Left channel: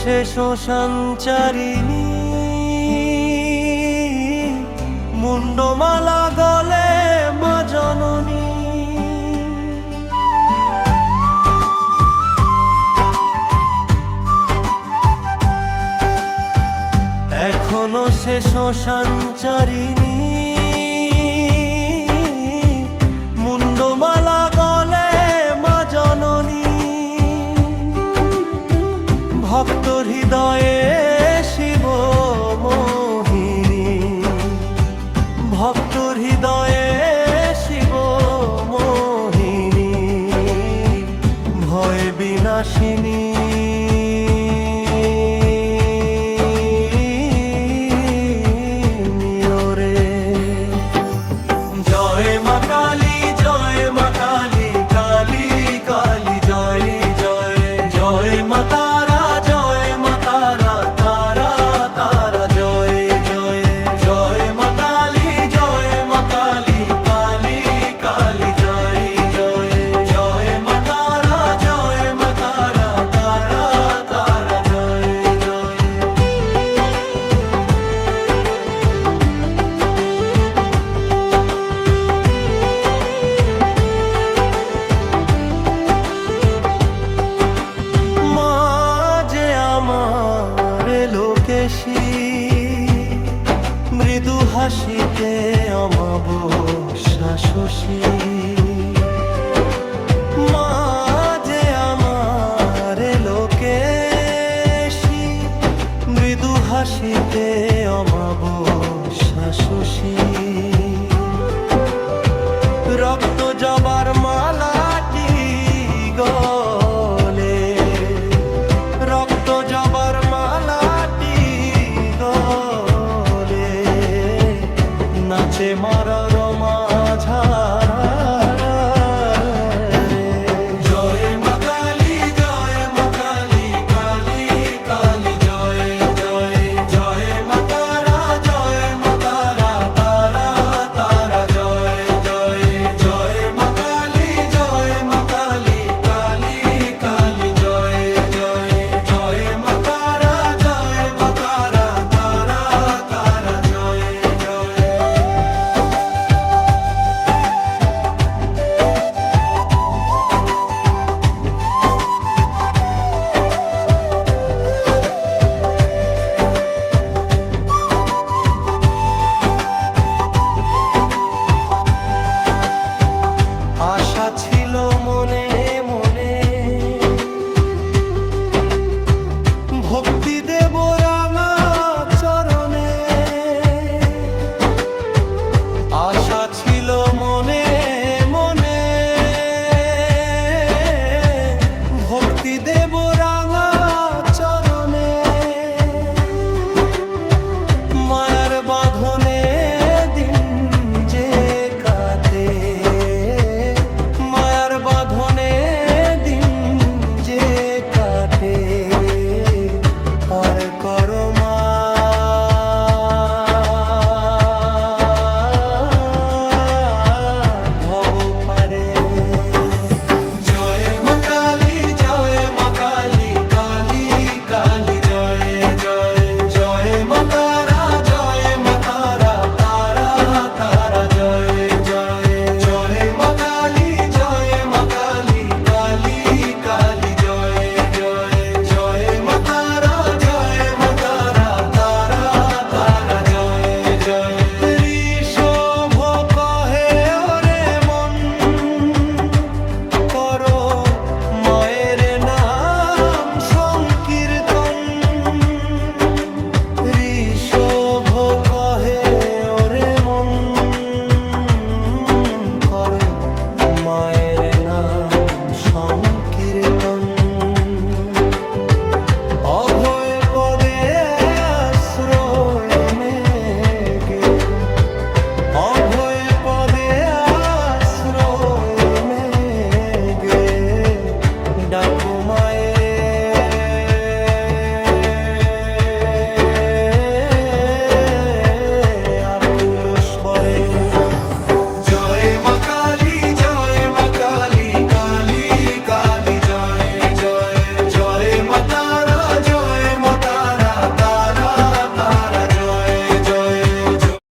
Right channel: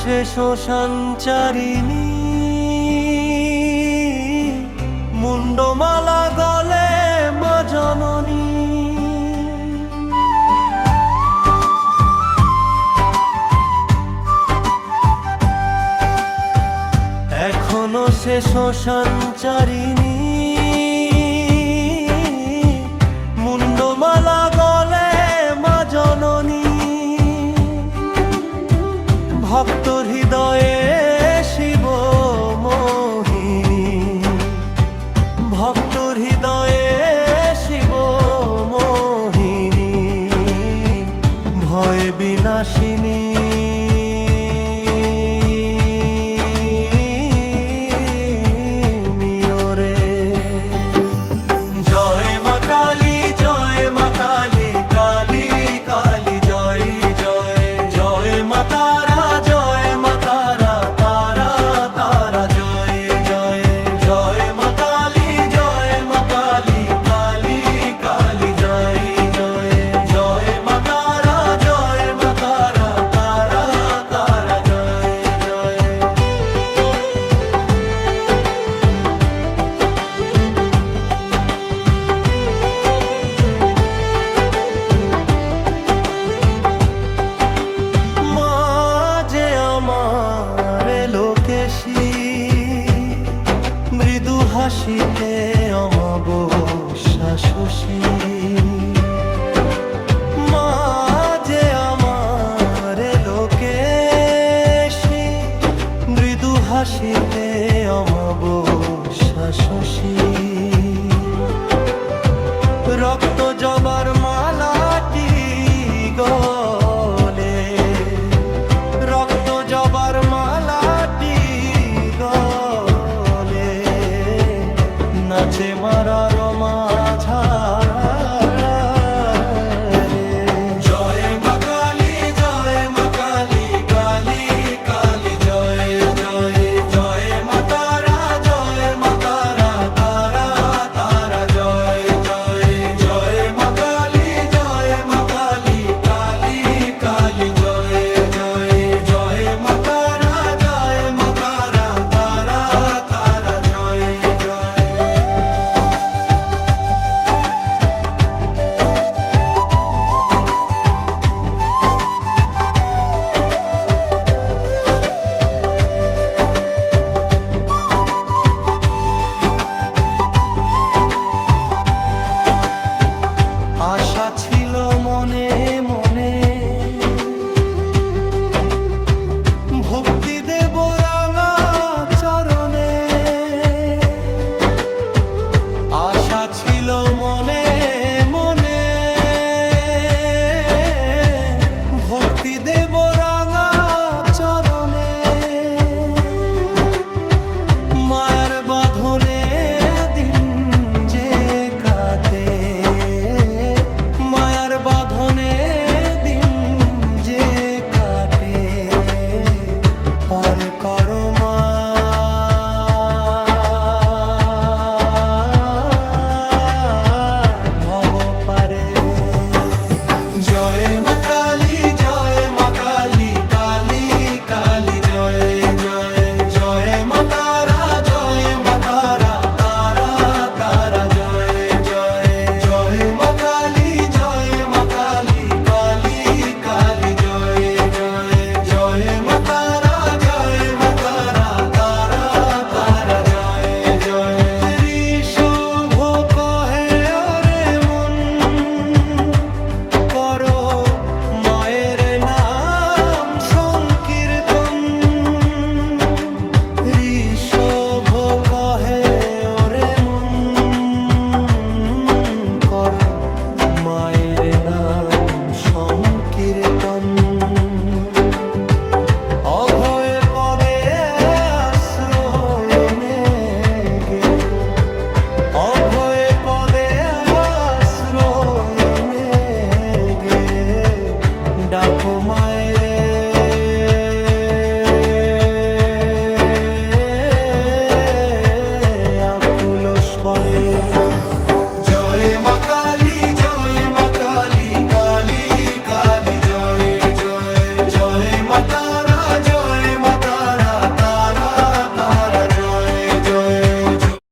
সে শ্মশানচারিণী, মুন্ডমালা গলে মা জননী। এখনো সে শ্মশানচারিণী, মুন্ডমালা গলে মা জননী। ভক্ত হৃদয়ে শিব মোহিনী, ভক্ত হৃদয়ে শিব মোহিনী, ভয় বিনাশিনী। জয় মা কালী, জয় মা কালী, কালী কালী জয় জয়। জয় মা তারা, জয় মা তারা, তারা তারা জয় জয়। জয় মা কালী, জয় মা কালী, কালী কালী জয় জয়। জয় মা তারা, জয় মা তারা, তারা তারা জয় জয়। আমার লোকেশী, মৃদু হাসিতে অমাবস্যা শশী। মা যে আমার লোকেশী, মৃদু হাসিতে অমাবস্যা শশী। রক্ত জবার মালাটি গলে, রক্ত জবার মালাটি গলে, নাচে মারা রমা ঝারা রে। জয় মা কালী, জয় মা কালী, কালী কালী জয় জয়। জয় মা তারা, জয় মা তারা, তারা তারা জয় জয়। জয় মা কালী, জয় মা কালী, কালী কালী জয় জয়। জয় মা তারা, জয় মা তারা, তারা তারা জয় জয়। আশা ছিল মনে মনে, ভক্তি দেব রাঙা চরণে। আশা ছিল মনে মনে, ভক্তি দেব রাঙা চরণে। মায়ার বাঁধনে দিন যে কাটে, মায়ার বাঁধনে দিন যে কাটে, পার করো মা ভব পারে। জয় মা কালী, জয় মা কালী, কালী কালী জয় জয়। জয় মা তারা, জয় মা তারা, তারা তারা জয় জয়। জয় মা কালী, জয় মা কালী, কালী কালী জয় জয়। জয় মা তারা, জয় মা তারা, তারা তারা জয় জয়। ঋষভ কহে ওরে মন, করো মায়ের নাম সংকীর্তন। ঋষভ কহে ওরে মন, করো মায়ের নাম সংকীর্তন। অভয় পদে আশ্রয় মেগে, অভয় পদে আশ্রয় মেগে, ডাকো মায়েরে। আকুল স্বরে